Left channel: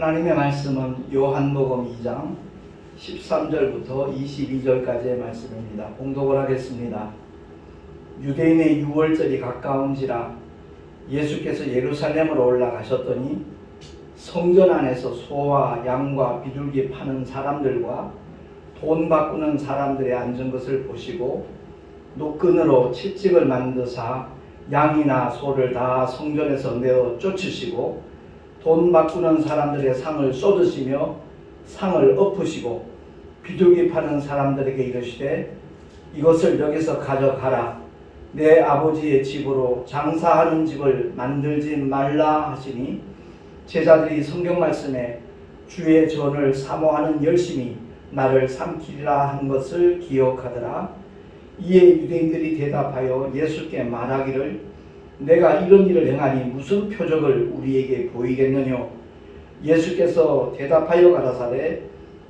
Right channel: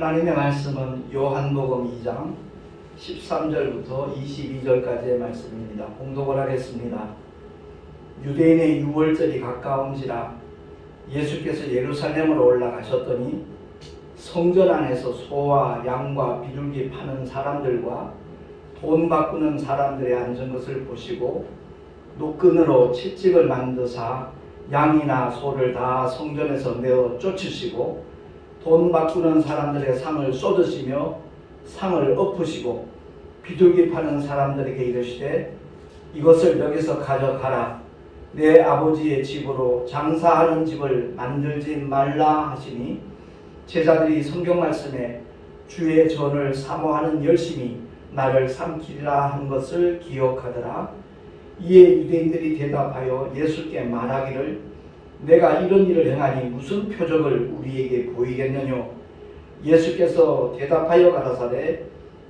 하나님의 말씀은 요한복음 2장 13절부터 22절까지의 말씀입니다. 봉독을 하겠습니다. 유대인의 유월절이 가까운지라 예수께서 예루살렘으로 올라가셨더니 성전 안에서 소와 양과 비둘기 파는 사람들과 돈 바꾸는 사람들의 앉은 것을 보시고 노끈으로 채찍을 만드사 양이나 소를 다 성전에서 내어 쫓으시고 돈 바꾸는 사람들의 상을 쏟으시며 상을 엎으시고 비둘기 파는 사람들에게 이르시되 이것을 여기서 가져가라. 내 아버지의 집으로 장사하는 집을 만들지 말라 하시니 제자들이 성경 말씀에 주의 전을 사모하는 열심히 나를 삼키리라 한 것을 기억하더라. 이에 유대인들이 대답하여 예수께 말하기를 내가 이런 일을 행하니 무슨 표적을 우리에게 보이겠느냐. 예수께서 대답하여 가라사대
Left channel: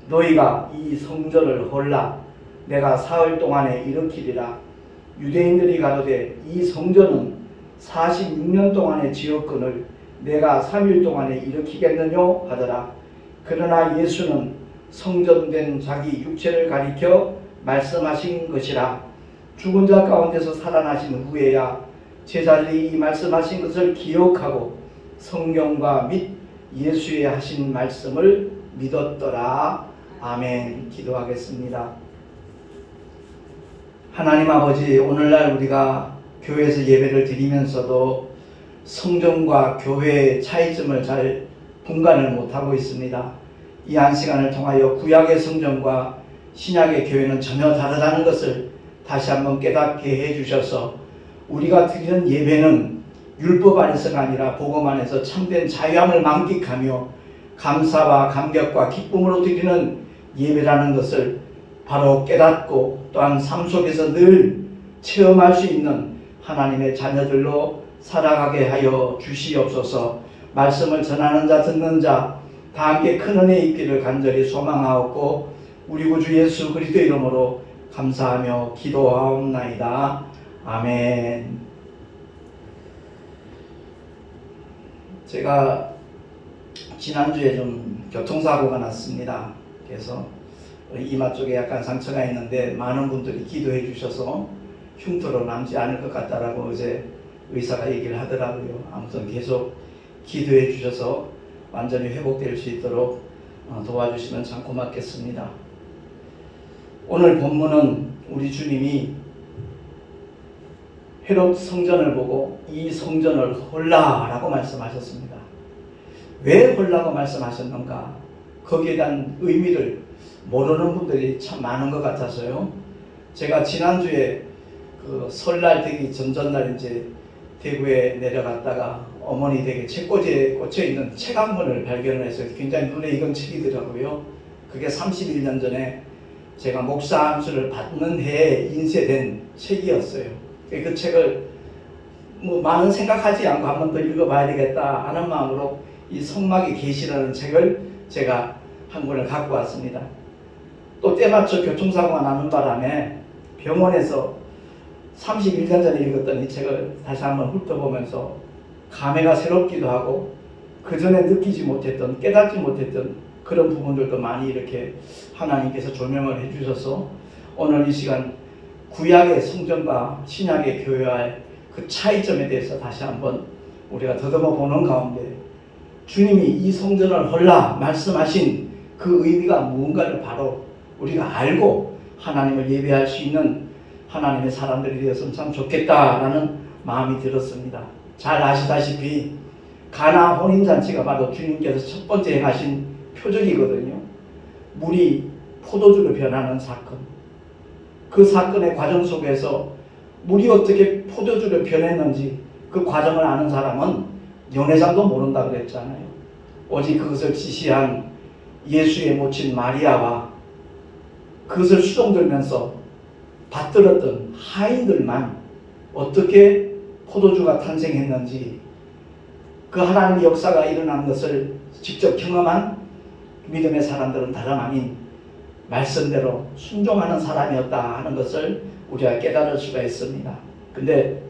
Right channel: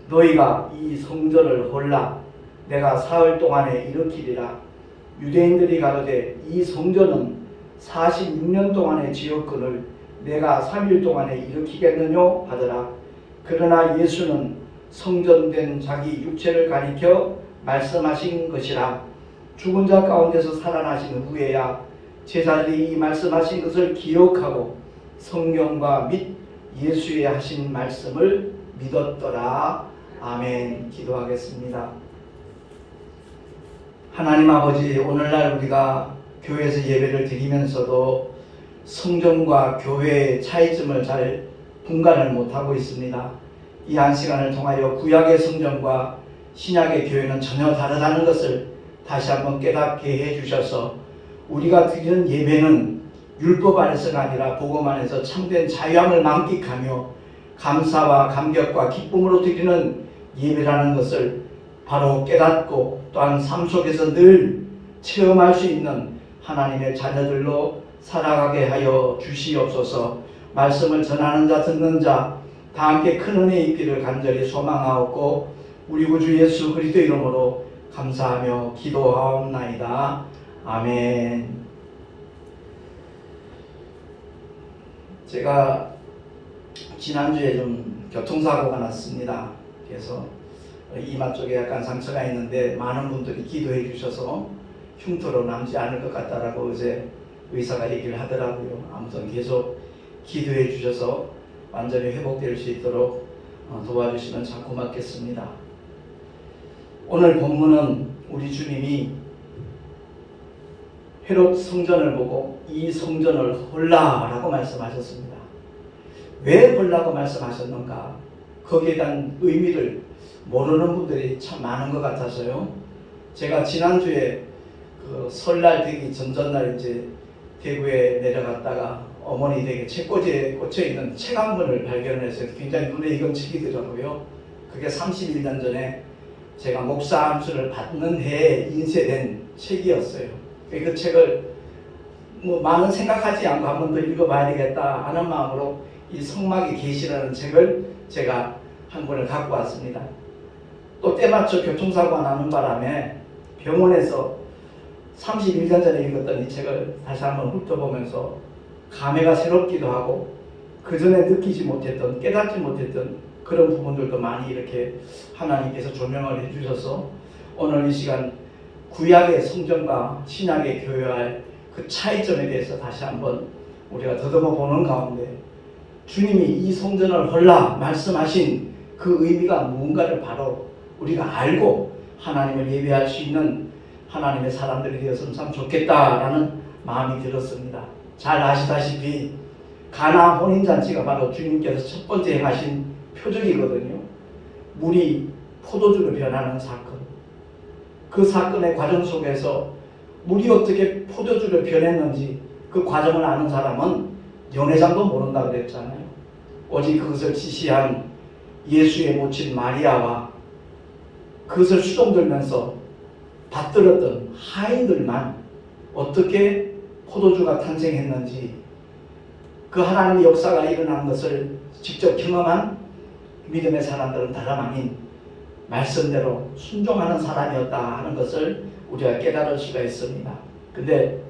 너희가 이 성전을 헐라 내가 사흘 동안에 일으키리라. 유대인들이 가로되 이 성전은 46년 동안에 지었거늘 내가 3일 동안에 일으키겠느냐 하더라. 그러나 예수는 성전된 자기 육체를 가리켜 말씀하신 것이라. 죽은 자 가운데서 살아나신 후에야 제자들이 이 말씀하신 것을 기억하고 성경과 및 예수의 하신 말씀을 믿었더라. 아멘. 기도하겠습니다. 하나님 아버지, 오늘날 우리가 교회에서 예배를 드리면서도 성전과 교회의 차이점을 잘 분간을 못하고 있습니다. 이 한 시간을 통하여 구약의 성전과 신약의 교회는 전혀 다르다는 것을 다시 한번 깨닫게 해주셔서 우리가 드리는 예배는 율법 안에서가 아니라 복음 안에서 참된 자유함을 만끽하며 감사와 감격과 기쁨으로 드리는 예배라는 것을 바로 깨닫고 또한 삶 속에서 늘 체험할 수 있는 하나님의 자녀들로 살아가게 하여 주시옵소서. 말씀을 전하는 자 듣는 자 다 함께 큰 은혜 있기를 간절히 소망하옵고 우리 구주 예수 그리스도 이름으로 감사하며 기도하옵나이다. 아멘. 제가 지난주에 좀 교통사고가 났습니다. 그래서 이마 쪽에 약간 상처가 있는데 많은 분들이 기도해 주셔서 흉터로 남지 않을 것 같다라고 어제 의사가 얘기를 하더라고요. 아무튼 계속 기도해 주셔서 완전히 회복될 수 있도록 도와주시면 참 고맙겠습니다. 오늘 본문은 우리 주님이 헤롯 성전을 보고 이 성전을 헐라라고 말씀하셨습니다. 왜 헐라고 말씀하셨는가? 거기에 대한 의미를 모르는 분들이 참 많은 것 같아서요. 제가 지난주에 그 설날 되기 전전날 이제 대구에 내려갔다가 어머니 댁에 책꽂이에 꽂혀있는 책 한 권을 발견해서 굉장히 눈에 익은 책이더라고요. 그게 31년 전에 제가 목사 암수를 받는 해에 인쇄된 책이었어요. 그 책을 뭐 많은 생각하지 않고 한 번 더 읽어봐야 되겠다 하는 마음으로 이 성막의 계시라는 책을 제가 한 권을 갖고 왔습니다. 또 때맞춰 교통사고가 나는 바람에 병원에서 31년 전에 읽었던 이 책을 다시 한번 훑어보면서 감회가 새롭기도 하고 그 전에 느끼지 못했던 깨닫지 못했던 그런 부분들도 많이 이렇게 하나님께서 조명을 해주셔서 오늘 이 시간 구약의 성전과 신약의 교회와의 그 차이점에 대해서 다시 한번 우리가 더듬어 보는 가운데 주님이 이 성전을 헐라 말씀하신 그 의미가 무언가를 바로 우리가 알고 하나님을 예배할 수 있는 하나님의 사람들이 되었으면 참 좋겠다라는 마음이 들었습니다. 잘 아시다시피 가나 혼인잔치가 바로 주님께서 첫 번째 행하신 표적이거든요. 물이 포도주로 변하는 사건. 그 사건의 과정 속에서 물이 어떻게 포도주로 변했는지 그 과정을 아는 사람은 연회장도 모른다 그랬잖아요. 오직 그것을 지시한 예수의 모친 마리아와 그것을 수종들면서 받들었던 하인들만 어떻게 포도주가 탄생했는지 그 하나님의 역사가 일어난 것을 직접 경험한 믿음의 사람들은 다름 아닌 말씀대로 순종하는 사람이었다 하는 것을 우리가 깨달을 수가 있습니다. 근데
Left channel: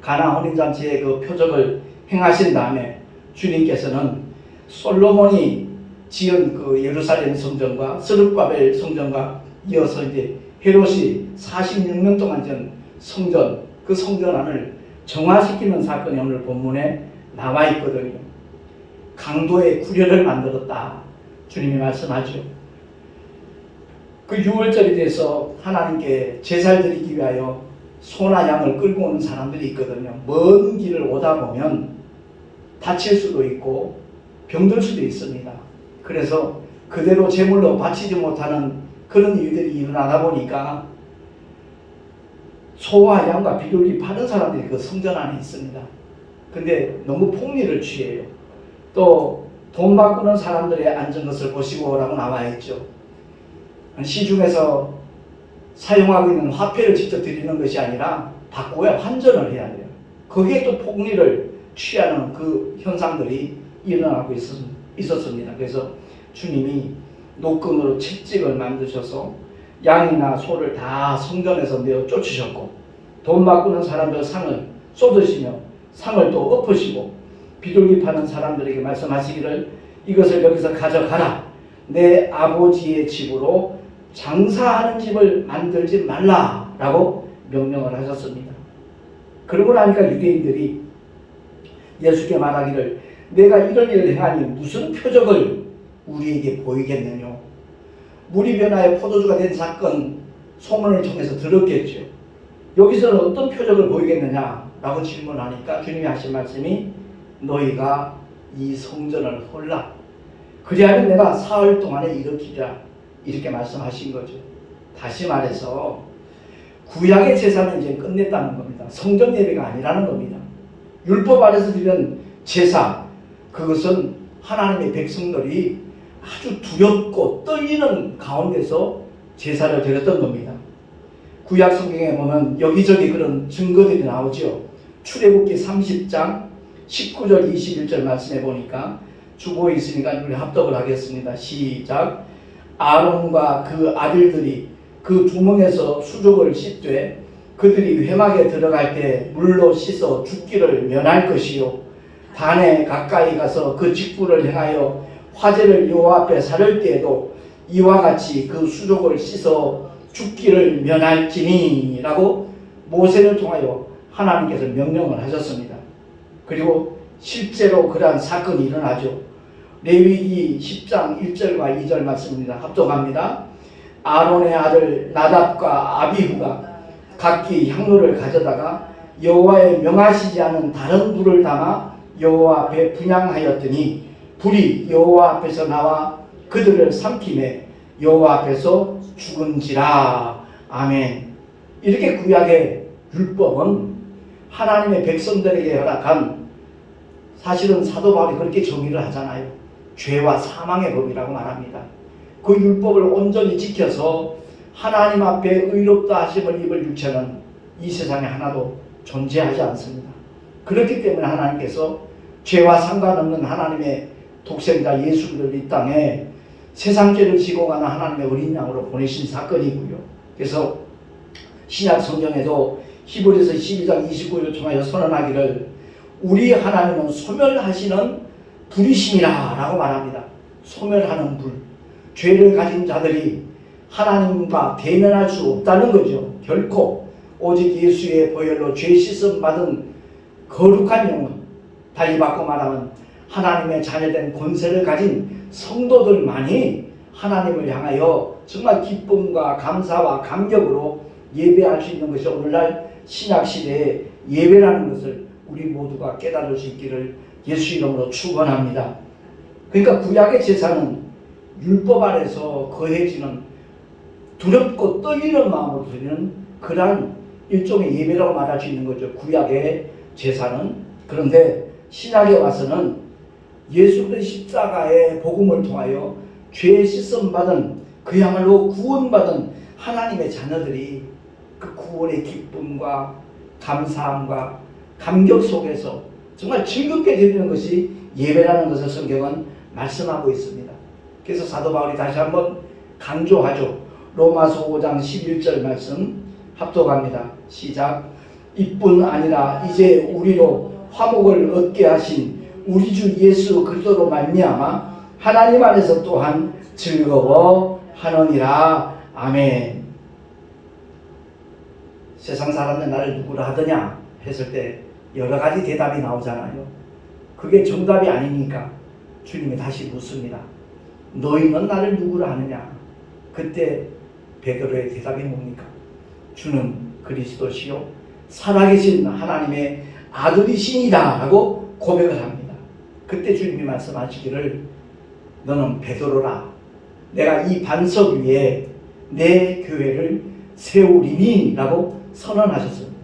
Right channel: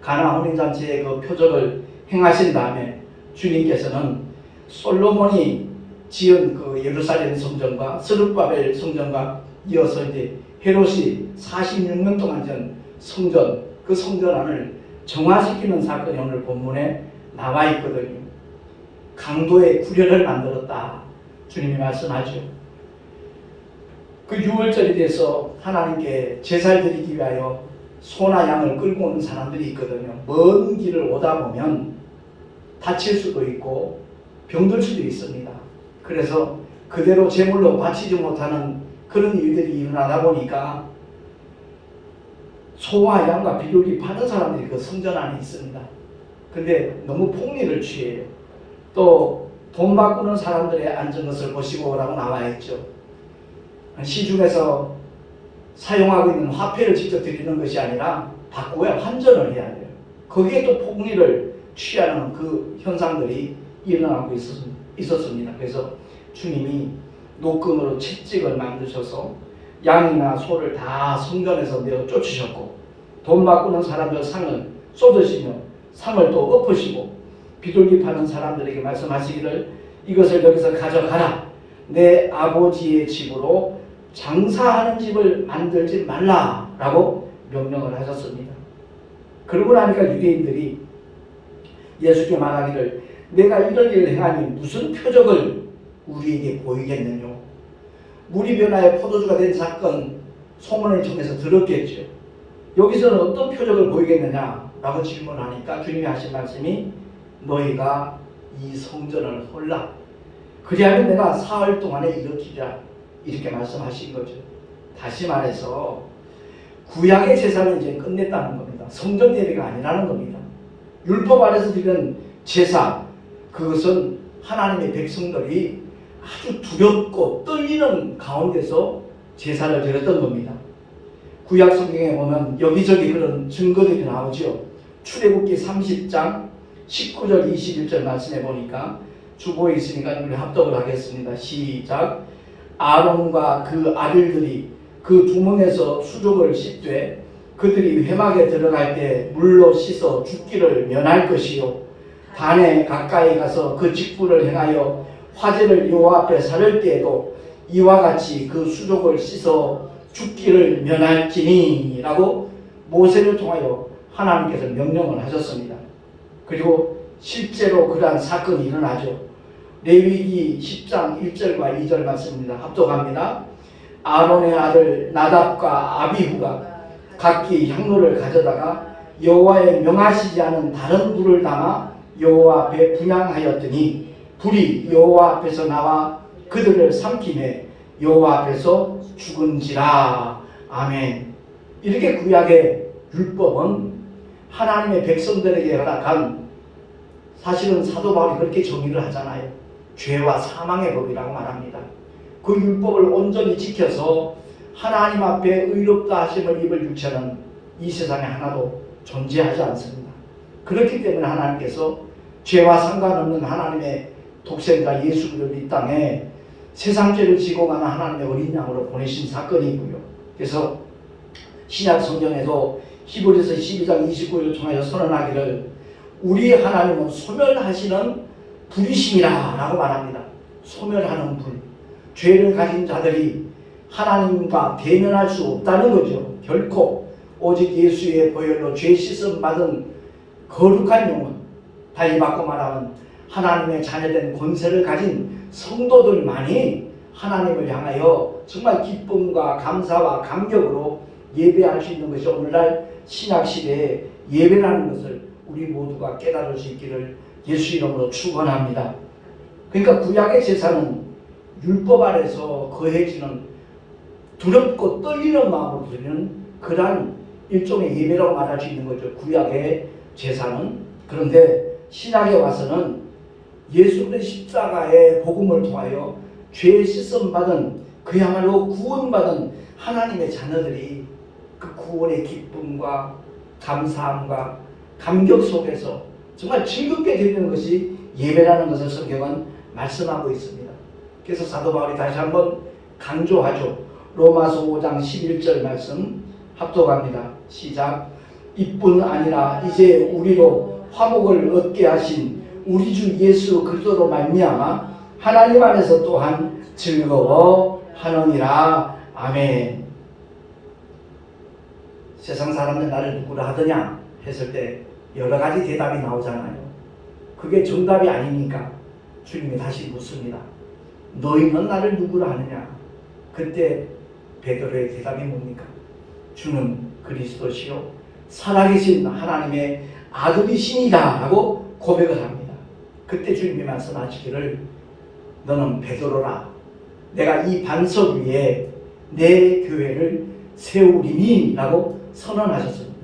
가나 혼인잔치의 그 표적을 행하신 다음에 주님께서는 솔로몬이 지은 그 예루살렘 성전과 스룹바벨 성전과 이어서 이제 헤롯이 46년 동안 지은 성전, 그 성전 안을 정화시키는 사건이 오늘 본문에 나와 있거든요. 강도의 구련을 만들었다. 주님이 말씀하죠. 그 6월절이 돼서 하나님께 제사를 드리기 위하여 소나 양을 끌고 오는 사람들이 있거든요. 먼 길을 오다 보면 다칠 수도 있고 병들 수도 있습니다. 그래서 그대로 제물로 바치지 못하는 그런 일들이 일어나다 보니까 소와 양과 비둘기 파는 사람들이 그 성전 안에 있습니다. 근데 너무 폭리를 취해요. 또 돈 바꾸는 사람들의 앉은 것을 보시고 라고 나와 있죠. 시중에서 사용하고 있는 화폐를 직접 드리는 것이 아니라 바꾸어야 환전을 해야 돼요. 거기에 또 폭리를 취하는 그 현상들이 일어나고 있었습니다. 그래서 주님이 노끈으로 채찍을 만드셔서 양이나 소를 다 성전에서 내어 쫓으셨고, 돈 바꾸는 사람들 상을 쏟으시며 상을 또 엎으시고, 비둘기 파는 사람들에게 말씀하시기를 이것을 여기서 가져가라. 내 아버지의 집으로 장사하는 집을 만들지 말라라고 명령을 하셨습니다. 그러고 나니까 유대인들이 예수께 말하기를 내가 이런 일을 행하니 무슨 표적을 우리에게 보이겠느냐. 물이 변화에 포도주가 된 사건 소문을 통해서 들었겠죠. 여기서는 어떤 표적을 보이겠느냐라고 질문하니까 주님이 하신 말씀이 너희가 이 성전을 홀라. 그리하면 내가 사흘 동안에 일으키리라. 이렇게 말씀하신 거죠. 다시 말해서 구약의 제사는 이제 끝냈다는 겁니다. 성전 예배가 아니라는 겁니다. 율법 아래서 드리는 제사, 그것은 하나님의 백성들이 아주 두렵고 떨리는 가운데서 제사를 드렸던 겁니다. 구약 성경에 보면 여기저기 그런 증거들이 나오죠. 출애굽기 30장 19절 21절 말씀해 보니까 주보에 있으니까 우리 합독을 하겠습니다. 시작. 아론과 그 아들들이 그 두문에서 수족을 씻되 그들이 회막에 들어갈 때 물로 씻어 죽기를 면할 것이요 단에 가까이 가서 그 직분을 행하여 화제를 여호와 앞에 사를 때에도 이와 같이 그 수족을 씻어 죽기를 면할지니 라고 모세를 통하여 하나님께서 명령을 하셨습니다. 그리고 실제로 그러한 사건이 일어나죠. 레위기 10장 1절과 2절 말씀입니다. 합독합니다. 아론의 아들 나답과 아비후가 각기 향로를 가져다가 여호와의 명하시지 않은 다른 불을 담아 여호와 앞에 분향하였더니 불이 여호와 앞에서 나와 그들을 삼키매 여호와 앞에서 죽은지라. 아멘. 이렇게 구약의 율법은 하나님의 백성들에게 허락한, 사실은 사도 바울이 그렇게 정의를 하잖아요. 죄와 사망의 법이라고 말합니다. 그 율법을 온전히 지켜서 하나님 앞에 의롭다 하심을 입을 육체는 이 세상에 하나도 존재하지 않습니다. 그렇기 때문에 하나님께서 죄와 상관없는 하나님의 독생자 예수 그리스도를 이 땅에 세상 죄를 지고 가는 하나님의 어린 양으로 보내신 사건이고요. 그래서 신약 성경에도 히브리서 12장 29절을 통하여 선언하기를 우리 하나님은 소멸하시는 불이심이라 라고 말합니다. 소멸하는 불. 죄를 가진 자들이 하나님과 대면할 수 없다는 거죠. 결코 오직 예수의 보혈로 죄 씻음 받은 거룩한 영혼, 달리 바꿔 말하면 하나님의 자녀된 권세를 가진 성도들만이 하나님을 향하여 정말 기쁨과 감사와 감격으로 예배할 수 있는 것이 오늘날 신약시대의 예배라는 것을 우리 모두가 깨달을 수 있기를 예수 이름으로 축원합니다. 그러니까 구약의 제사는 율법 아래서 거해지는 두렵고 떨리는 마음으로 드리는 그러한 일종의 예배라고 말할 수 있는 거죠. 구약의 제사는. 그런데 신약에 와서는 예수 그리스도의 십자가의 복음을 통하여 죄 씻음 받은 그야말로 구원받은 하나님의 자녀들이 그 구원의 기쁨과 감사함과 감격 속에서 정말 즐겁게 드리는 것이 예배라는 것을 성경은 말씀하고 있습니다. 그래서 사도 바울이 다시 한번 강조하죠. 로마서 5장 11절 말씀 합독합니다. 시작. 이뿐 아니라 이제 우리로 화목을 얻게 하신 우리 주 예수 그리스도로 말미암아 하나님 안에서 또한 즐거워하느니라. 아멘. 세상 사람들 나를 누구라 하더냐 했을 때 여러 가지 대답이 나오잖아요. 그게 정답이 아니니까 주님이 다시 묻습니다. 너희는 나를 누구라 하느냐? 그때 베드로의 대답이 뭡니까? 주는 그리스도시요 살아계신 하나님의 아들이시니라 하고 고백을 합니다. 그때 주님이 말씀하시기를 너는 베드로라. 내가 이 반석 위에 내 교회를 세우리니 라고 선언하셨습니다.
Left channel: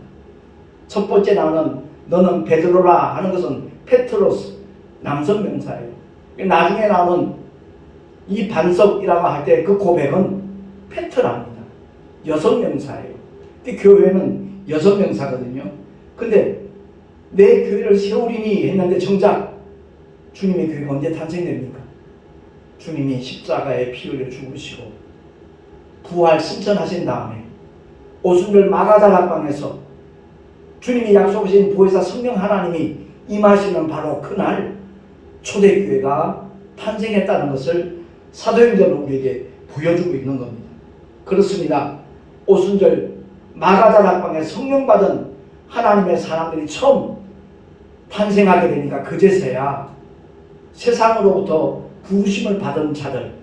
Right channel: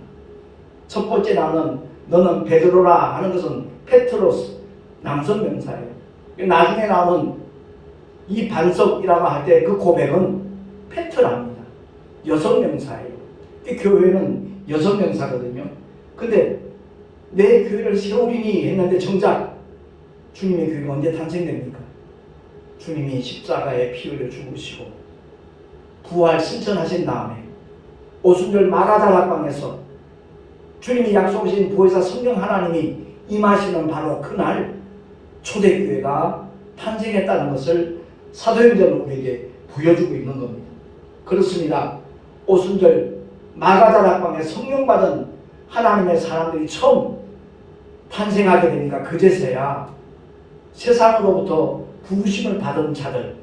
첫 번째 나오는 너는 베드로라 하는 것은 페트로스 남성 명사예요. 나중에 나오는 이 반석이라고 할 때 그 고백은 페트라입니다. 여성 명사예요. 교회는 여성 명사거든요. 근데 내 교회를 세우리니 했는데 정작 주님의 교회가 언제 탄생됩니까? 주님이 십자가에 피 흘려 죽으시고 부활 승천하신 다음에 오순절 마가다락방에서 주님이 약속하신 보혜사 성령 하나님이 임하시는 바로 그날 초대교회가 탄생했다는 것을 사도행전은 우리에게 보여주고 있는 겁니다. 그렇습니다. 오순절 마가다락방에 성령 받은 하나님의 사람들이 처음 탄생하게 되니까 그제서야 세상으로부터 부르심을 받은 자들,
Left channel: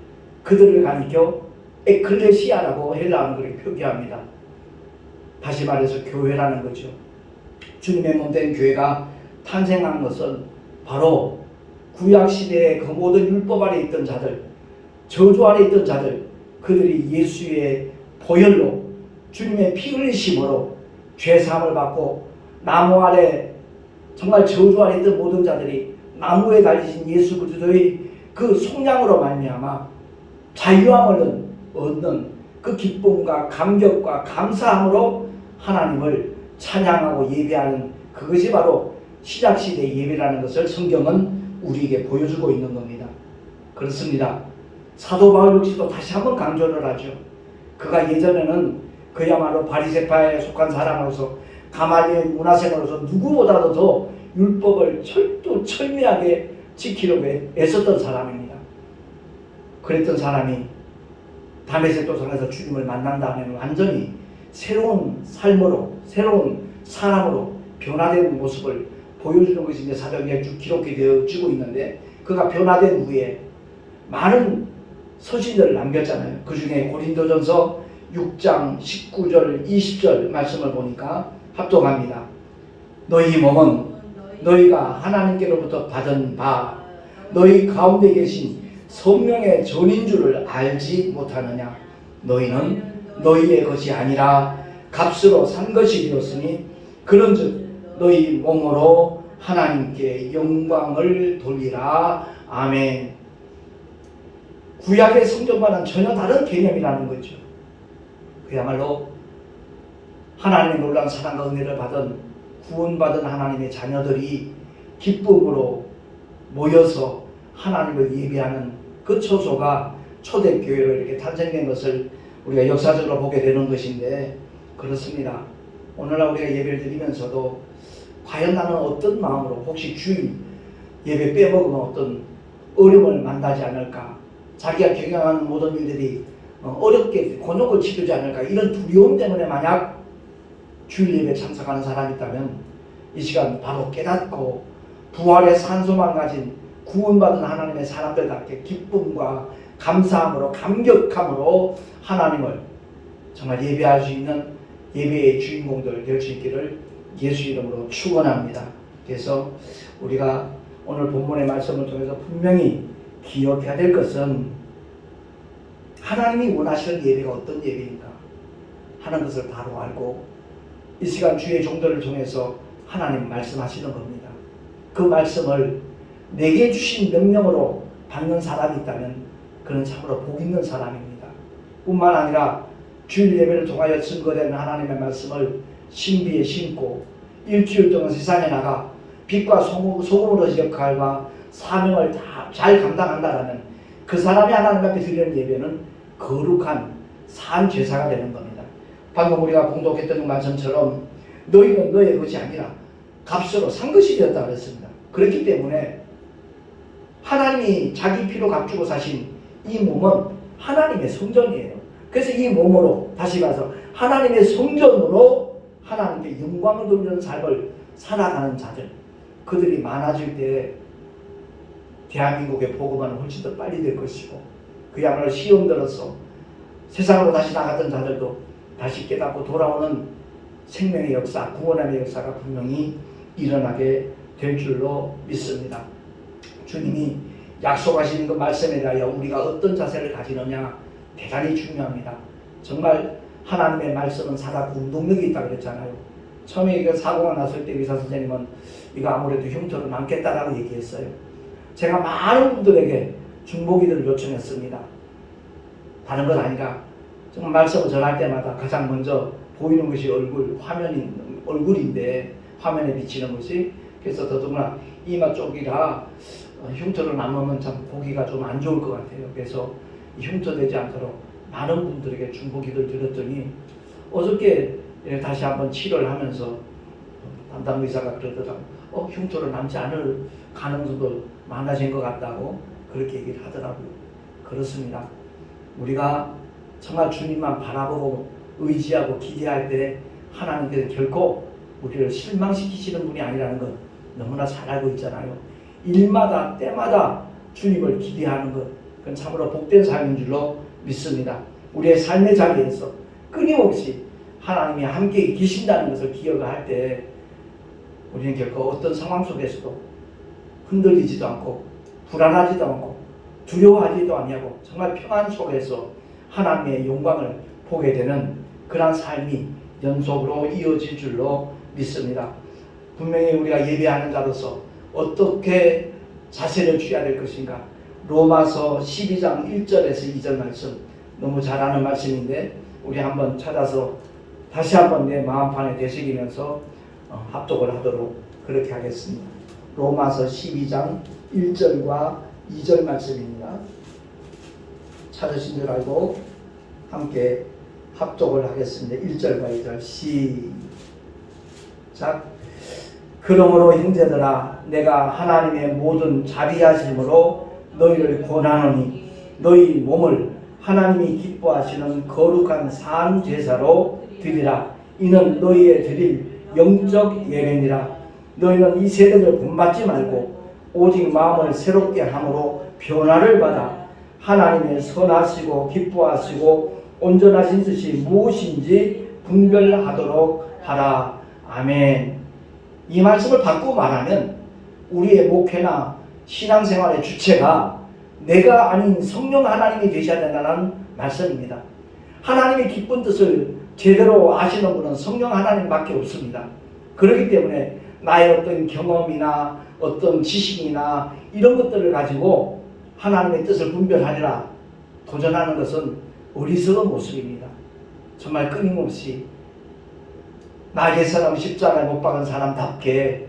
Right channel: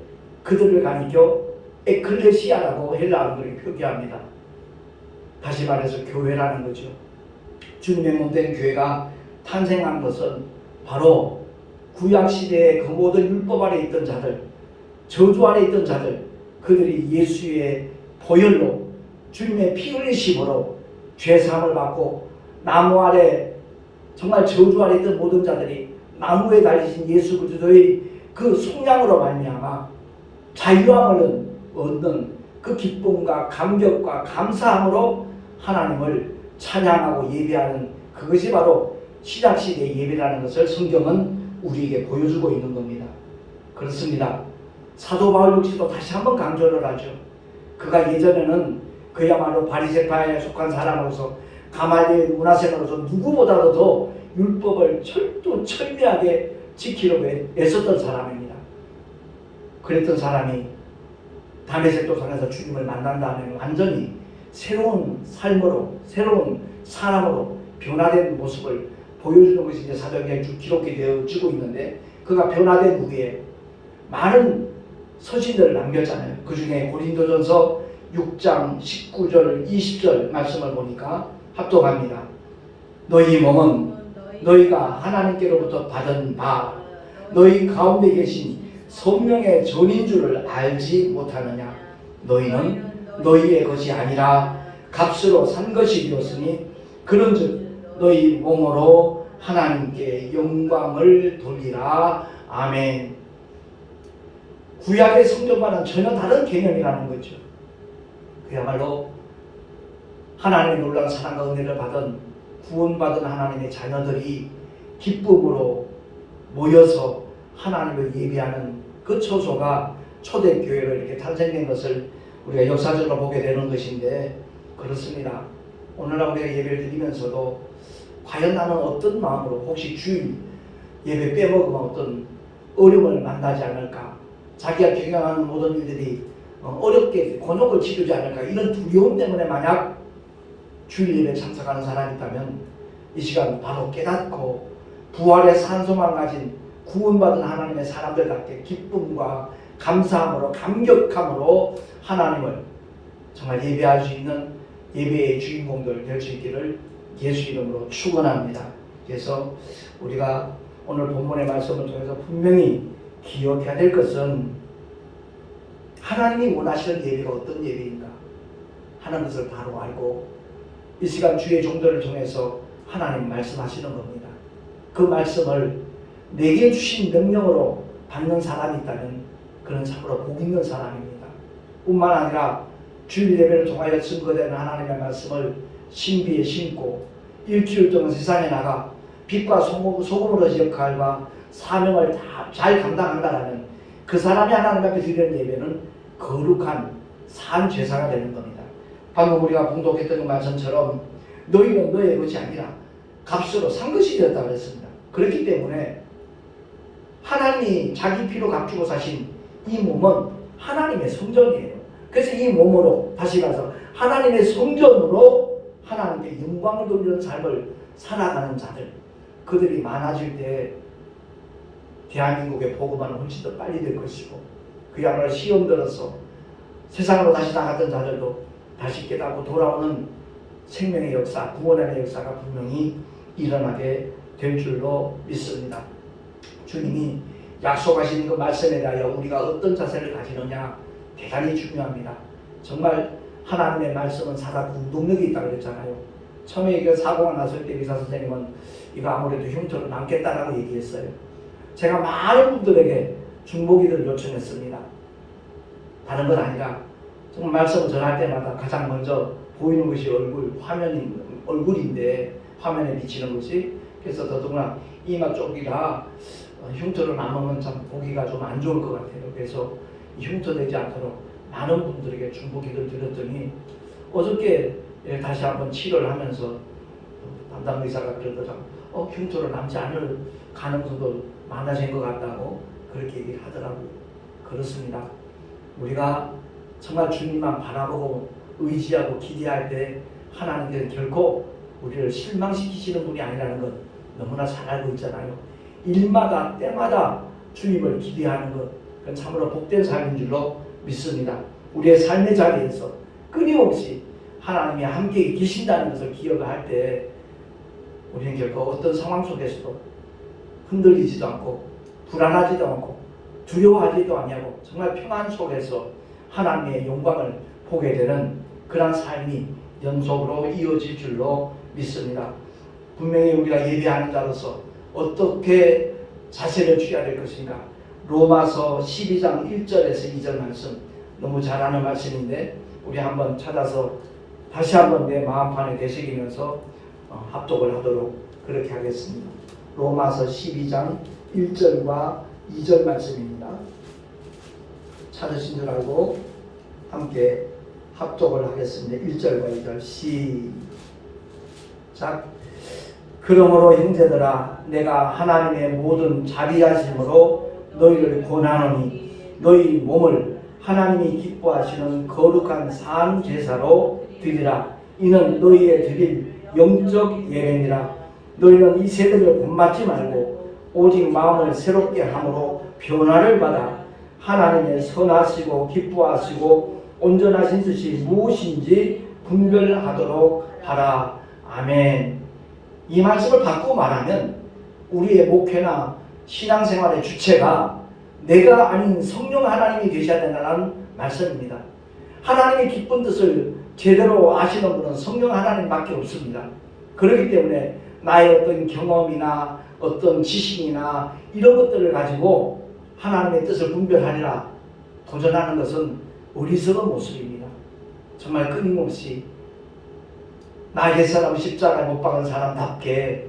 그들을 가리켜 에클레시아라고 헬라어로 표기합니다. 다시 말해서 교회라는 거죠. 주님의 몸된 교회가 탄생한 것은 바로 구약시대의 그 모든 율법 아래 있던 자들, 저주 아래 있던 자들, 그들이 예수의 보혈로 주님의 피 흘리심으로 죄사함을 받고 나무 아래 정말 저주 아래 있던 모든 자들이 나무에 달리신 예수 그리스도의 그 속량으로 말미암아 자유함을 얻는 그 기쁨과 감격과 감사함으로 하나님을 찬양하고 예배하는 그것이 바로 신약시대의 예배라는 것을 성경은 우리에게 보여주고 있는 겁니다. 그렇습니다. 사도 바울 역시도 다시 한번 강조를 하죠. 그가 예전에는 그야말로 바리새파에 속한 사람으로서 가말리엘 문화생으로서 누구보다도 더 율법을 철두철미하게 지키려고 애썼던 사람입니다. 그랬던 사람이 다메섹 도상에서 주님을 만난 다음에 완전히 새로운 삶으로, 새로운 사람으로 변화된 모습을 보여주는 것이 이제 사도행전에 쭉 기록이 되어지고 있는데, 그가 변화된 후에 많은 서신들을 남겼잖아요. 그 중에 고린도전서 6장 19절 20절 말씀을 보니까 합독합니다. 너희 몸은 너희가 하나님께로부터 받은 바 너희 가운데 계신 성령의 전인 줄을 알지 못하느냐. 너희는 너희의 것이 아니라 값으로 산 것이 되었으니 그런즉 너희 몸으로 하나님께 영광을 돌리라. 아멘. 구약의 성전과는 전혀 다른 개념이라는 거죠. 그야말로 하나님의 놀라운 사랑과 은혜를 받은 구원받은 하나님의 자녀들이 기쁨으로 모여서 하나님을 예배하는 그 처소가 초대교회로 이렇게 탄생된 것을 우리가 역사적으로 보게 되는 것인데, 그렇습니다. 오늘날 우리가 예배를 드리면서도 과연 나는 어떤 마음으로, 혹시 주일 예배 빼먹으면 어떤 어려움을 만나지 않을까, 자기가 경영하는 모든 일들이 어렵게 곤욕을 치르지 않을까, 이런 두려움 때문에 만약 주일 예배에 참석하는 사람이 있다면 이 시간 바로 깨닫고 부활의 산소만 가진 구원받은 하나님의 사람들답게 기쁨과 감사함으로 감격함으로 하나님을 정말 예배할 수 있는 예배의 주인공들 될 수 있기를 예수 이름으로 축원합니다. 그래서 우리가 오늘 본문의 말씀을 통해서 분명히 기억해야 될 것은 하나님이 원하시는 예배가 어떤 예배인가 하는 것을 바로 알고 이 시간 주의 종들을 통해서 하나님 말씀하시는 겁니다. 그 말씀을 내게 주신 명령으로 받는 사람이 있다면 그는 참으로 복 있는 사람입니다. 뿐만 아니라 주일 예배를 통하여 증거되는 하나님의 말씀을 신비에 심고 일주일 동안 세상에 나가 빛과 소금으로서 역할과 사명을 다 잘 감당한다라는 그 사람이 하나님 앞에 드리는 예배는 거룩한 산 제사가 되는 겁니다. 방금 우리가 공독했던 그 말씀처럼 너희는 너의 것이 아니라 값으로 산 것이 되었다고 했습니다. 그렇기 때문에 하나님이 자기 피로 값주고 사신 이 몸은 하나님의 성전이에요. 그래서 이 몸으로, 다시 말해서 하나님의 성전으로 하나님께 영광을 돌리는 삶을 살아가는 자들, 그들이 많아질 때 대한민국의 복음화는 훨씬 더 빨리 될 것이고, 그야말로 시험 들어서 세상으로 다시 나갔던 자들도 다시 깨닫고 돌아오는 생명의 역사, 구원의 역사가 분명히 일어나게 될 줄로 믿습니다. 주님이 약속하시는 그 말씀에 대하여 우리가 어떤 자세를 가지느냐 대단히 중요합니다. 정말 하나님의 말씀은 살아있고 운동력이 있다고 그랬잖아요. 처음에 이거 사고가 났을 때 의사 선생님은 이거 아무래도 흉터로 남겠다라고 얘기했어요. 제가 많은 분들에게 중보기도를 요청했습니다. 다른 건 아니라 정말 말씀을 전할 때마다 가장 먼저 보이는 것이 얼굴인데 화면에 비치는 것이, 그래서 더더구나 이마 쪽이라 흉터로 남으면 참 보기가 좀 안 좋을 것 같아요. 그래서 흉터 되지 않도록 많은 분들에게 중보기도를 드렸더니 어저께 다시 한번 치료를 하면서 담당 의사가 그러더라. 흉터로 남지 않을 가능성도 많아진 것 같다고 그렇게 얘기를 하더라고요. 그렇습니다. 우리가 정말 주님만 바라보고 의지하고 기대할 때 하나님께서 결코 우리를 실망시키시는 분이 아니라는 것 너무나 잘 알고 있잖아요. 일마다 때마다 주님을 기대하는 것, 그건 참으로 복된 삶인 줄로 믿습니다. 우리의 삶의 자리에서 끊임없이 하나님이 함께 계신다는 것을 기억을 할 때 우리는 결코 어떤 상황 속에서도 흔들리지도 않고 불안하지도 않고 두려워하지도 아니하고 정말 평안 속에서 하나님의 영광을 보게 되는 그런 삶이 영속으로 이어질 줄로 믿습니다. 분명히 우리가 예배하는 자로서 어떻게 자세를 취해야 될 것인가, 로마서 12장 1절에서 2절 말씀 너무 잘 아는 말씀인데 우리 한번 찾아서 다시 한번 내 마음판에 되새기면서 합독을 하도록 그렇게 하겠습니다. 로마서 12장 1절과 2절 말씀입니다. 찾으신 줄 알고 함께 합독을 하겠습니다. 1절과 2절 시작. 그러므로 형제들아, 내가 하나님의 모든 자비하심으로 너희를 권하노니 너희 몸을 하나님이 기뻐하시는 거룩한 산 제사로 드리라. 이는 너희의 드릴 영적 예배니라. 너희는 이 세대를 본받지 말고 오직 마음을 새롭게 함으로 변화를 받아 하나님의 선하시고 기뻐하시고 온전하신 뜻이 무엇인지 분별하도록 하라. 아멘. 이 말씀을 바꾸고 말하면 우리의 목회나 신앙생활의 주체가 내가 아닌 성령 하나님이 되셔야 된다는 말씀입니다. 하나님의 기쁜 뜻을 제대로 아시는 분은 성령 하나님밖에 없습니다. 그렇기 때문에 나의 어떤 경험이나 어떤 지식이나 이런 것들을 가지고 하나님의 뜻을 분별하리라 도전하는 것은 어리석은 모습입니다. 정말 끊임없이 나 옛사람 십자가에 못 박은 사람답게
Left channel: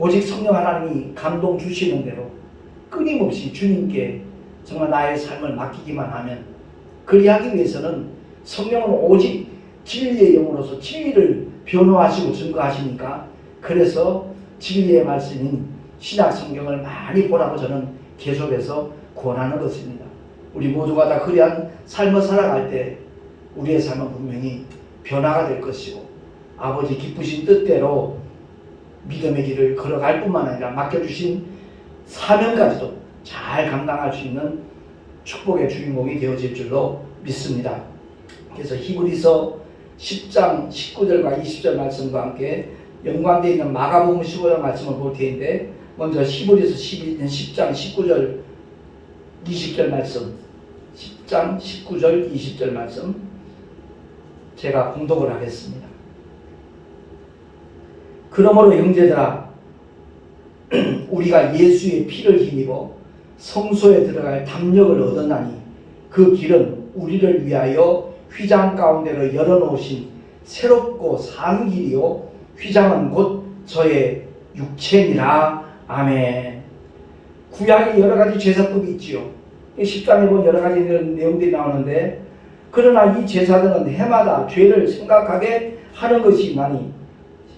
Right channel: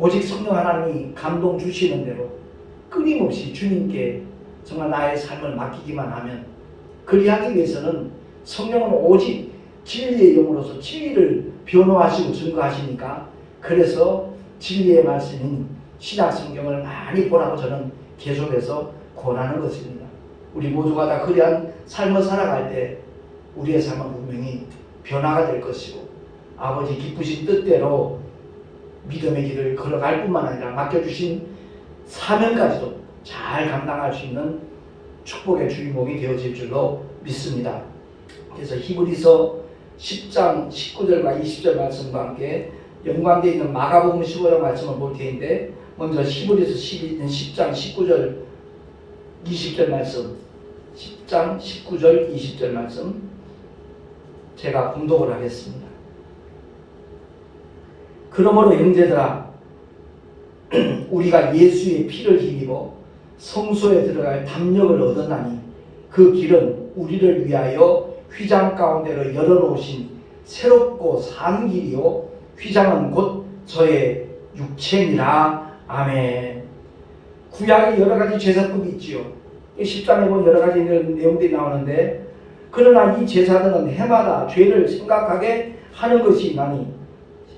오직 성령 하나님이 감동 주시는 대로 끊임없이 주님께 정말 나의 삶을 맡기기만 하면, 그리하기 위해서는 성령은 오직 진리의 영으로서 진리를 변호하시고 증거하시니까, 그래서 진리의 말씀인 신약 성경을 많이 보라고 저는 계속해서 권하는 것입니다. 우리 모두가 다 그러한 삶을 살아갈 때 우리의 삶은 분명히 변화가 될 것이고 아버지 기쁘신 뜻대로 믿음의 길을 걸어갈 뿐만 아니라 맡겨주신 사명까지도 잘 감당할 수 있는 축복의 주인공이 되어질 줄로 믿습니다. 그래서 히브리서 10장 19절과 20절 말씀과 함께 연관되어 있는 마가복음 15장 말씀을 볼 텐데, 먼저 히브리서 10장 19절 20절 말씀, 10장 19절 20절 말씀 제가 공독을 하겠습니다. 그러므로 형제들아, 우리가 예수의 피를 힘입어 성소에 들어갈 담력을 얻었나니 그 길은 우리를 위하여 휘장 가운데로 열어놓으신 새롭고 산 길이요 휘장은 곧 저의 육체니라. 아멘. 구약에 여러가지 제사법이 있지요. 10장에 보면 여러가지 내용들이 나오는데, 그러나 이 제사들은 해마다 죄를 생각하게 하는 것이나니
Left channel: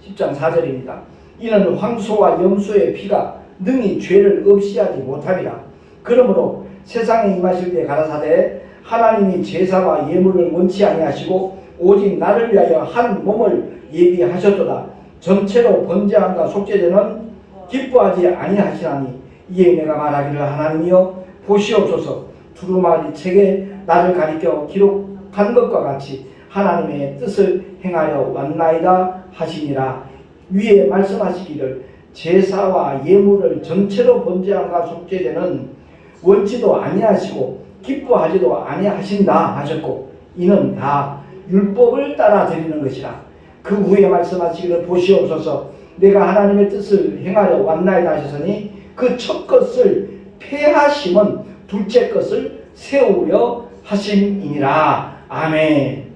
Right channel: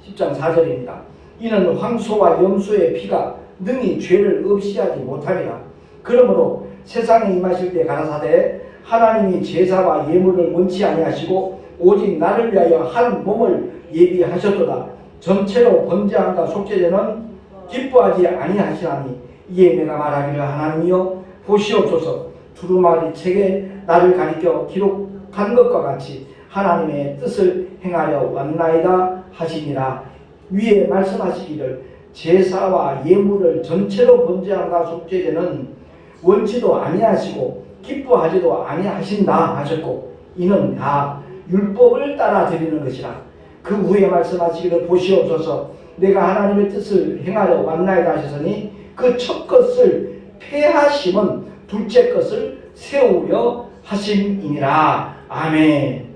10장 4절입니다. 이는 황소와 염소의 피가 능히 죄를 없이하지 못하리라. 그러므로 세상에 임하실 때 가라사대 하나님이 제사와 예물을 원치 아니하시고 오직 나를 위하여 한 몸을 예비하셨도다. 전체로 번제함과 속죄제는 기뻐하지 아니하시나니 이에 내가 말하기를 하나님이여 보시옵소서. 두루마리 책에 나를 가리켜 기록한 것과 같이 하나님의 뜻을 행하려 왔나이다 하시니라. 위에 말씀하시기를 제사와 예물을 전체로 번제함과 속죄제는 원치도 아니하시고 기뻐하지도 아니하신다 하셨고 이는 다 율법을 따라 드리는 것이라. 그 후에 말씀하시기를 보시옵소서. 내가 하나님의 뜻을 행하려 왔나이다 하셨으니 그 첫 것을 폐하심은 둘째 것을 세우려 하심이니라. 아멘.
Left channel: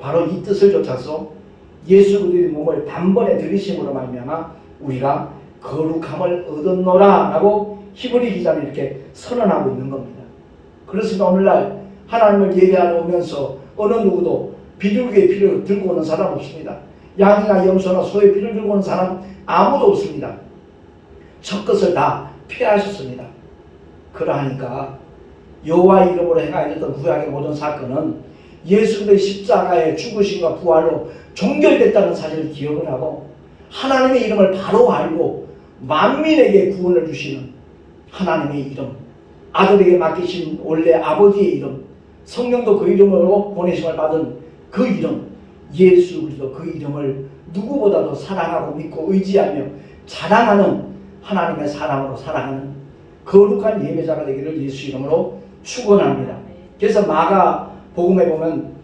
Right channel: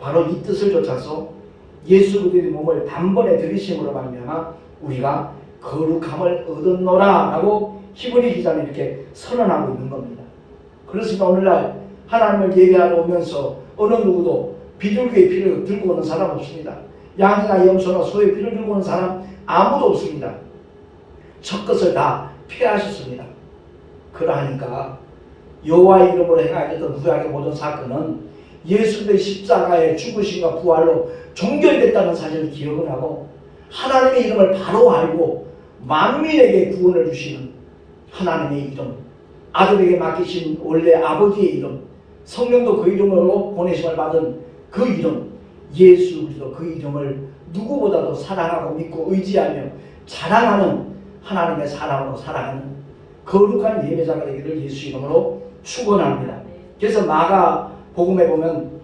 바로 이 뜻을 좇아서 예수 그리스도의 몸을 단번에 들이심으로 말미암아 우리가 거룩함을 얻었노라 라고 히브리 기자는 이렇게 선언하고 있는 겁니다. 그렇습니다. 오늘날 하나님을 예배하러 오면서 어느 누구도 비둘기의 피를 들고 오는 사람 없습니다. 양이나 염소나 소의 피를 들고 오는 사람 아무도 없습니다. 첫 것을 다 폐하셨습니다. 그러하니까 여호와의 이름으로 행하였던 구약의 모든 사건은 예수 그리스도의 십자가의 죽으심과 부활로 종결됐다는 사실을 기억을 하고 하나님의 이름을 바로 알고 만민에게 구원을 주시는 하나님의 이름, 아들에게 맡기신 원래 아버지의 이름, 성령도 그 이름으로 보내심을 받은 그 이름, 예수 그리스도 그 이름을 누구보다도 사랑하고 믿고 의지하며 자랑하는 하나님의 사랑으로 살아가는 거룩한 예배자가 되기를 예수 이름으로 축원합니다. 그래서 마가복음에 보면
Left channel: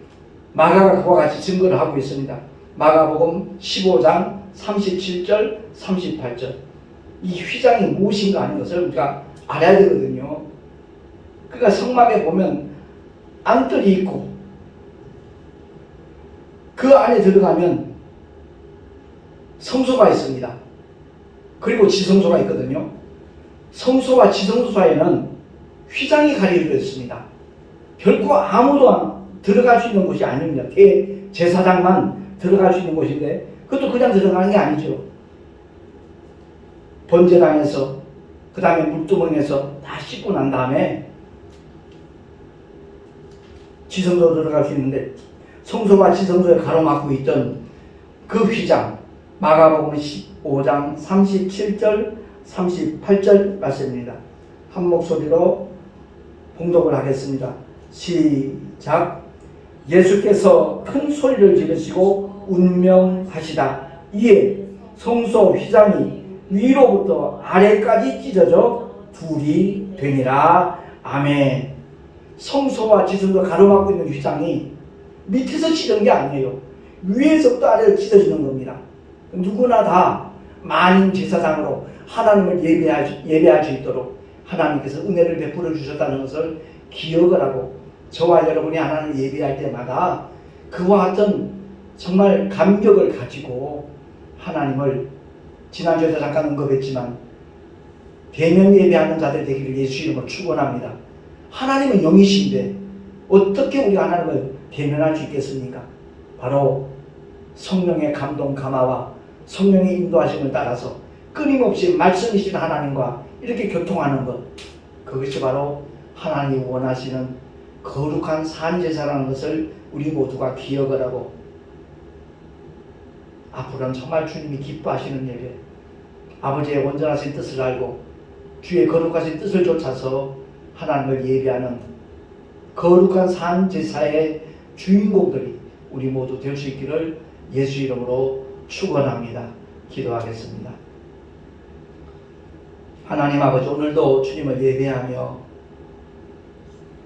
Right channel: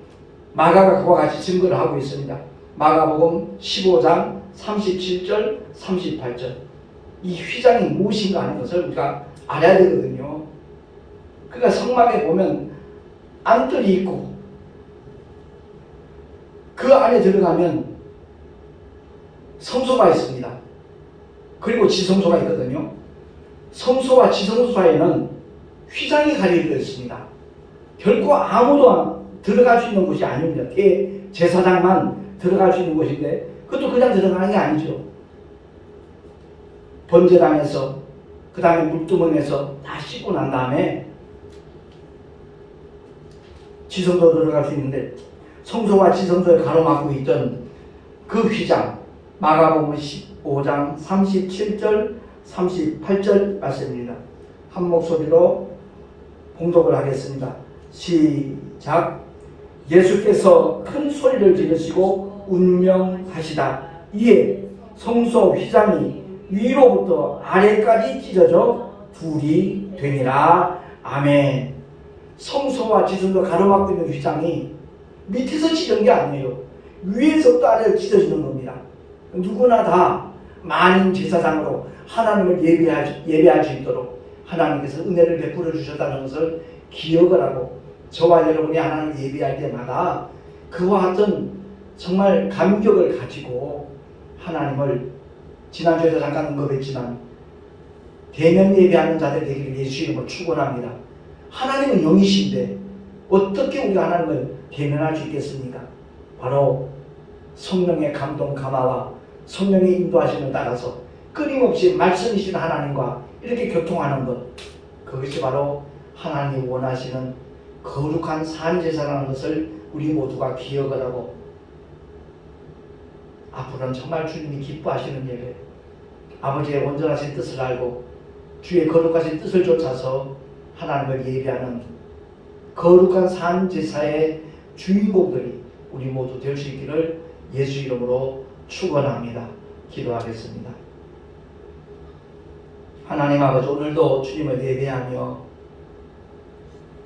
마가가 그와 같이 증거를 하고 있습니다. 마가복음 15장 37절 38절. 이 휘장이 무엇인가 하는 것을 우리가 알아야 되거든요. 그러니까 성막에 보면 안뜰이 있고 그 안에 들어가면 성소가 있습니다. 그리고 지성소가 있거든요. 성소와 지성소 사이에는 휘장이 가려져 있습니다. 결코 아무도 들어갈 수 있는 곳이 아닙니다. 제사장만 들어갈 수 있는 곳인데 그것도 그냥 들어가는 게 아니죠. 번제단에서 그 다음에 물두멍에서 다 씻고 난 다음에 지성소로 들어갈 수 있는데 성소와 지성소에 가로막고 있던 그 휘장 마가복음 15장 37절 38절 말씀입니다. 한 목소리로 봉독을 하겠습니다. 시작. 예수께서 큰 소리를 지르시고 운명하시다. 이에 성소 휘장이 위로부터 아래까지 찢어져 둘이 되니라. 아멘. 성소와 지성소 가로막고 있는 휘장이 밑에서 찢은 게 아니에요. 위에서부터 아래로 찢어지는 겁니다. 누구나 다 만인 제사장으로 하나님을 예배할 수 있도록 하나님께서 은혜를 베풀어 주셨다는 것을 기억을 하고 저와 여러분이 하나님을 예배할 때마다 그와 같은 정말 감격을 가지고 하나님을 지난주에도 잠깐 언급했지만 대면 예배하는 자들 되기를 예수 이름으로 축원합니다. 하나님은 영이신데 어떻게 우리가 하나님을 대면할 수 있겠습니까? 바로 성령의 감동 감화와 성령의 인도하심을 따라서 끊임없이 말씀이신 하나님과 이렇게 교통하는 것, 그것이 바로 하나님이 원하시는 거룩한 산제사라는 것을 우리 모두가 기억을 하고 앞으로는 정말 주님이 기뻐하시는 예배, 아버지의 온전하신 뜻을 알고 주의 거룩하신 뜻을 좇아서 하나님을 예배하는 거룩한 산제사의 주인공들이 우리 모두 될 수 있기를 예수 이름으로 축원합니다. 기도하겠습니다. 하나님 아버지, 오늘도 주님을 예배하며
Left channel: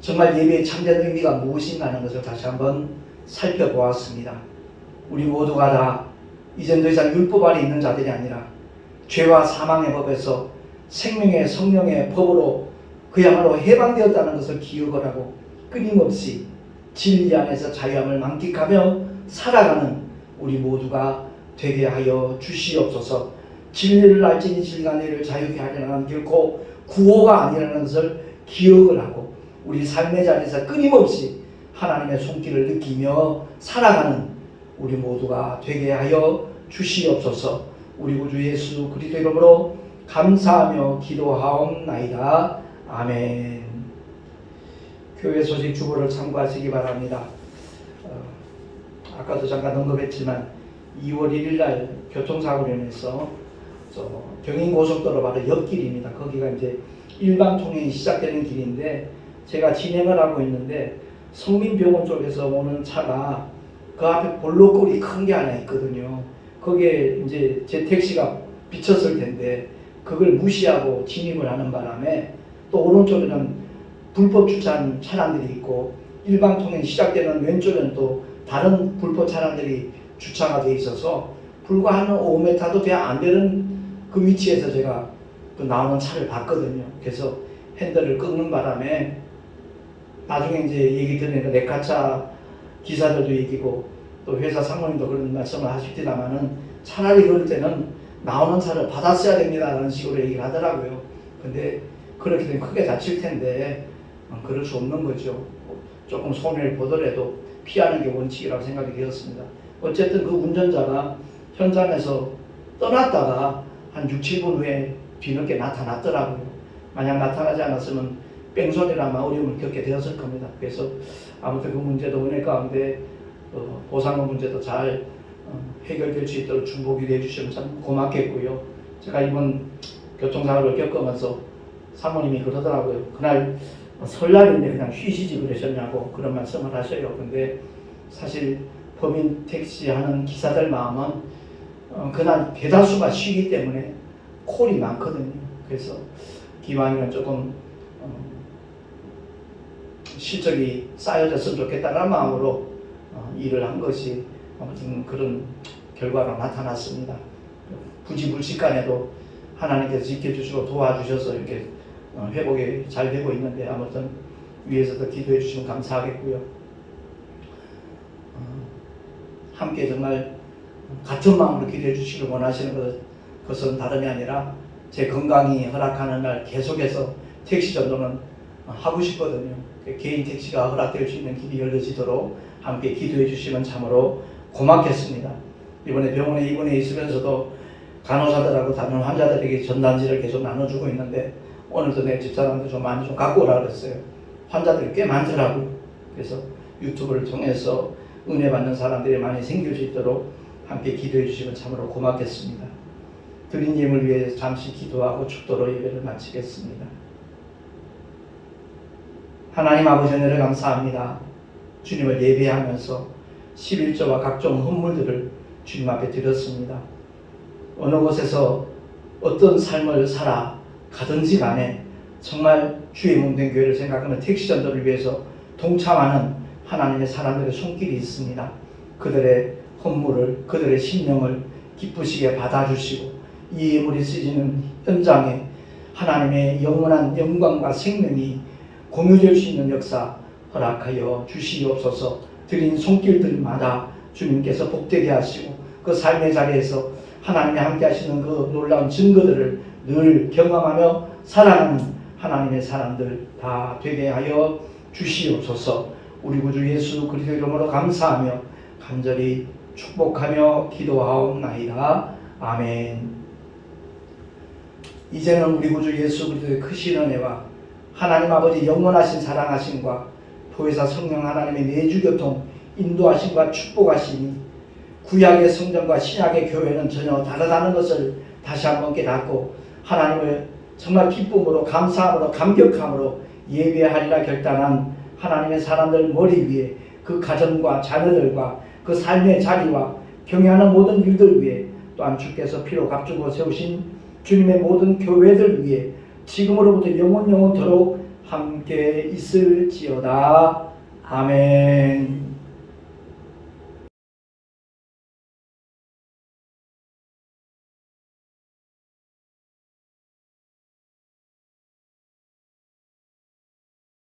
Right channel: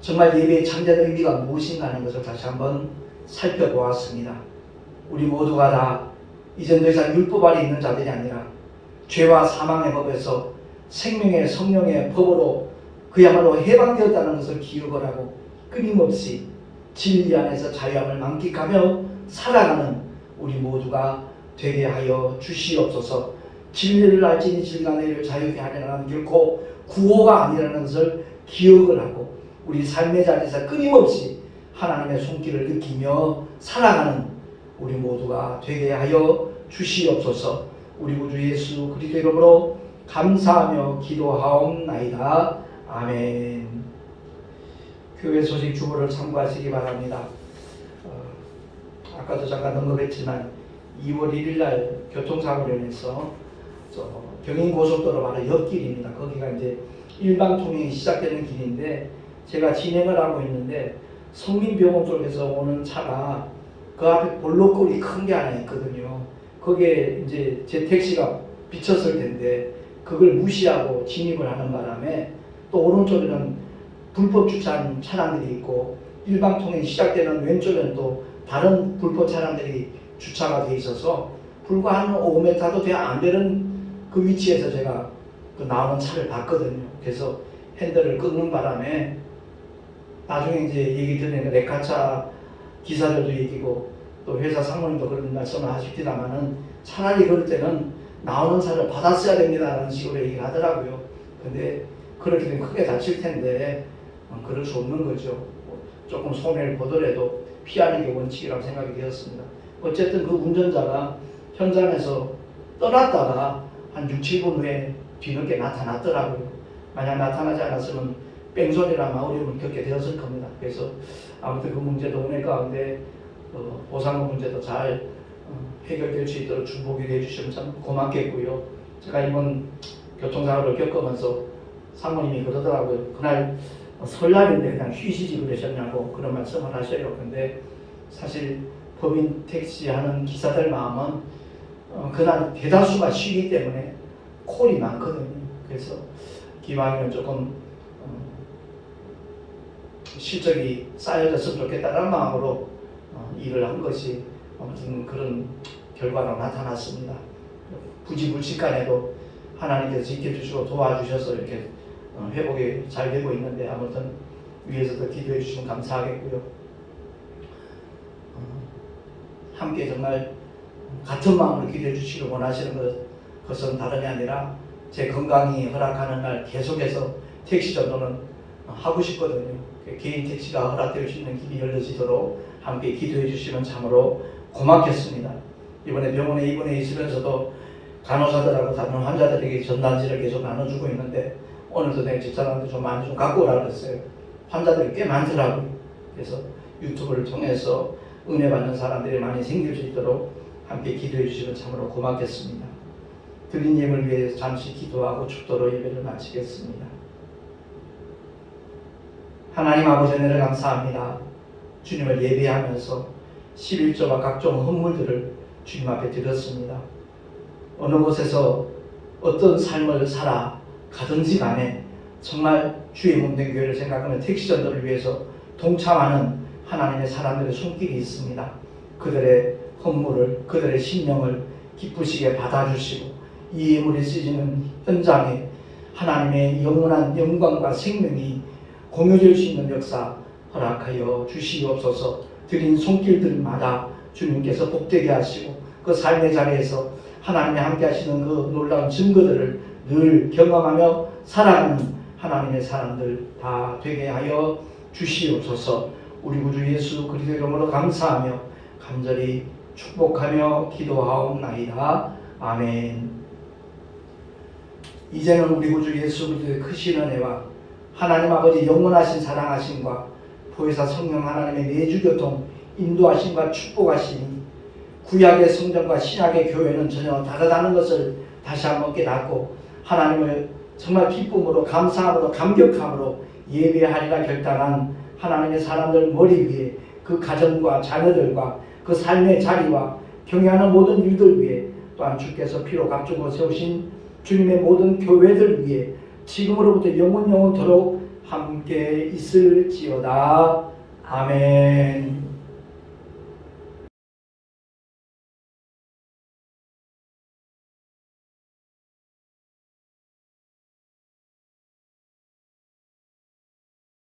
정말 예배의 참된 의미가 무엇인가 하는 것을 다시 한번 살펴보았습니다. 우리 모두가 다 이젠 더 이상 율법 아래 있는 자들이 아니라 죄와 사망의 법에서 생명의 성령의 법으로 그야말로 해방되었다는 것을 기억을 하고 끊임없이 진리 안에서 자유함을 만끽하며 살아가는 우리 모두가 되게 하여 주시옵소서. 진리를 알지니 진리가 너희를 자유케 하려는 것은 결코 구호가 아니라는 것을 기억을 하고 우리 삶의 자리에서 끊임없이 하나님의 손길을 느끼며 살아가는 우리 모두가 되게 하여 주시옵소서. 우리 구주 예수 그리스도 이름으로 감사하며 기도하옵나이다. 아멘. 교회 소식 주보를 참고하시기 바랍니다. 아까도 잠깐 언급했지만 2월 1일 날 교통사고로 인해서 경인고속도로 바로 옆길입니다. 거기가 이제 일반 통행이 시작되는 길인데 제가 진행을 하고 있는데 성민병원 쪽에서 오는 차가 그 앞에 볼록골이 큰 게 하나 있거든요. 거기에 이제 제 택시가 비쳤을 텐데 그걸 무시하고 진입을 하는 바람에 또 오른쪽에는 불법 주차한 차량들이 있고 일반 통행 시작되는 왼쪽에는 또 다른 불법 차량들이 주차가 돼 있어서 불과 한 5m도 돼 안 되는 그 위치에서 제가 그 나오는 차를 봤거든요. 그래서 핸들을 끊는 바람에 나중에 이제 얘기 들으니까 레카차 기사들도 얘기고 또 회사 상무님도 그런 말씀을 하십니다만은 차라리 그럴 때는 나오는 차를 받았어야 됩니다라는 식으로 얘기를 하더라고요. 근데 그렇게 되면 크게 다칠 텐데 그럴 수 없는 거죠. 조금 손해를 보더라도 피하는 게 원칙이라고 생각이 되었습니다. 어쨌든 그 운전자가 현장에서 떠났다가 한 6, 7분 후에 뒤늦게 나타났더라고요. 만약 나타나지 않았으면 뺑소니를 아마 어려움을 겪게 되었을 겁니다. 그래서 아무튼 그 문제도 은혜 가운데 보상금 문제도 잘 해결될 수 있도록 중보기도 해주시면 참 고맙겠고요. 제가 이번 교통사고를 겪으면서 사모님이 그러더라고요. 그날 설날인데 그냥 쉬시지 그러셨냐고 그런 말씀을 하셔요. 근데 사실 법인 택시 하는 기사들 마음은 그날 대다수가 쉬기 때문에 콜이 많거든요. 그래서 기왕이면 조금 실적이 쌓여졌으면 좋겠다는 마음으로 일을 한 것이 아무튼 그런 결과로 나타났습니다. 부지불식간에도 하나님께서 지켜주시고 도와주셔서 이렇게 회복이 잘 되고 있는데 아무튼 위에서도 기도해 주시면 감사하겠고요. 함께 정말 같은 마음으로 기도해 주시길 원하시는 것은 다름이 아니라 제 건강이 허락하는 날 계속해서 택시 전도는 하고 싶거든요. 개인 택시가 허락될 수 있는 길이 열려지도록 함께 기도해 주시면 참으로 고맙겠습니다. 이번에 병원에 입원해 있으면서도 간호사들하고 다른 환자들에게 전단지를 계속 나눠주고 있는데 오늘도 내 집사람한테 좀 많이 좀 갖고 오라 그랬어요. 환자들이 꽤 많더라고요. 그래서 유튜브를 통해서 은혜 받는 사람들이 많이 생길 수 있도록 함께 기도해 주시면 참으로 고맙겠습니다. 드린 예물 위해 잠시 기도하고 축도로 예배를 마치겠습니다. 하나님 아버지 은혜를 감사합니다. 주님을 예배하면서 11조와 각종 헌물들을 주님 앞에 드렸습니다. 어느 곳에서 어떤 삶을 살아 가든지 간에 정말 주의 몸된 교회를 생각하는 택시 전도를 위해서 동참하는 하나님의 사람들의 손길이 있습니다. 그들의 헌물을, 그들의 심령을 기쁘시게 받아주시고 이 예물이 쓰이는 현장에 하나님의 영원한 영광과 생명이 공유될 수 있는 역사 허락하여 주시옵소서. 드린 손길들마다 주님께서 복되게 하시고 그 삶의 자리에서 하나님이 함께 하시는 그 놀라운 증거들을 늘 경험하며 살아가는 하나님의 사람들 다 되게 하여 주시옵소서. 우리 구주 예수 그리스도의 이름으로 감사하며 간절히 축복하며 기도하옵나이다. 아멘. 이제는 우리 구주 예수 그리스도의 크신 은혜와 하나님 아버지 영원하신 사랑하심과 보혜사 성령 하나님의 내주교통 인도하심과 축복하심이 구약의 성전과 신약의 교회는 전혀 다르다는 것을 다시 한번 깨닫고 하나님을 정말 기쁨으로 감사함으로 감격함으로 예배하리라 결단한 하나님의 사람들 머리 위에 그 가정과 자녀들과 그 삶의 자리와 경영하는 모든 일들 위에 또한 주께서 피로 값주고 세우신 주님의 모든 교회들 위에 지금으로부터 영원토록 함께 있을지어다. 아멘.